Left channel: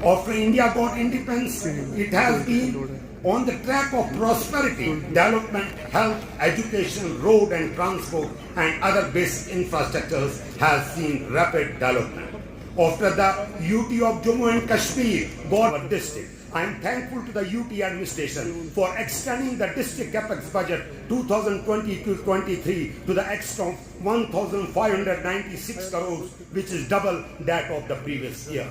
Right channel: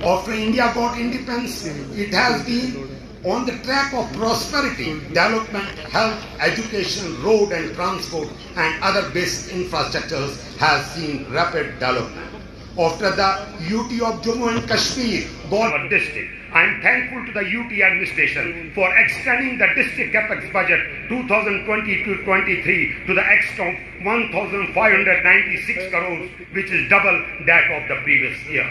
After India got independence, it has been on the track of prosperity, development, health, education, road and transport and other basic infrastructures has seen rapid development. After the UT of Jammu and Kashmir got our district, I am thankful to the UT administration for extending the district capex budget 2020-23 to the extent of 1,596 crores, which is double that of the previous year.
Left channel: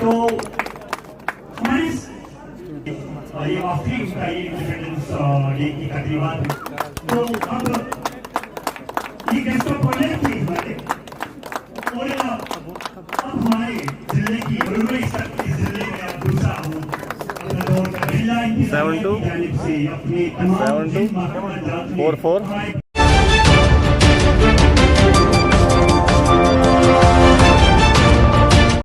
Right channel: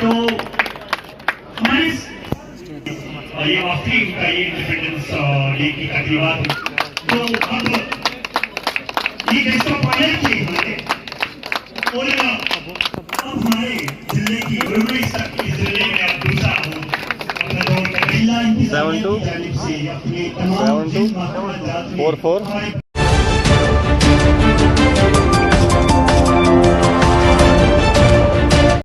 तो हमारे ये आखिरी का ये independence day की तकरीबात, तो अब ये गेस्ट ऑफ ऑनर थे हमारे, और अब हमारे जिले की इस जिले में अब दूसरा हूँ अपना दौर का जिला 72 42 44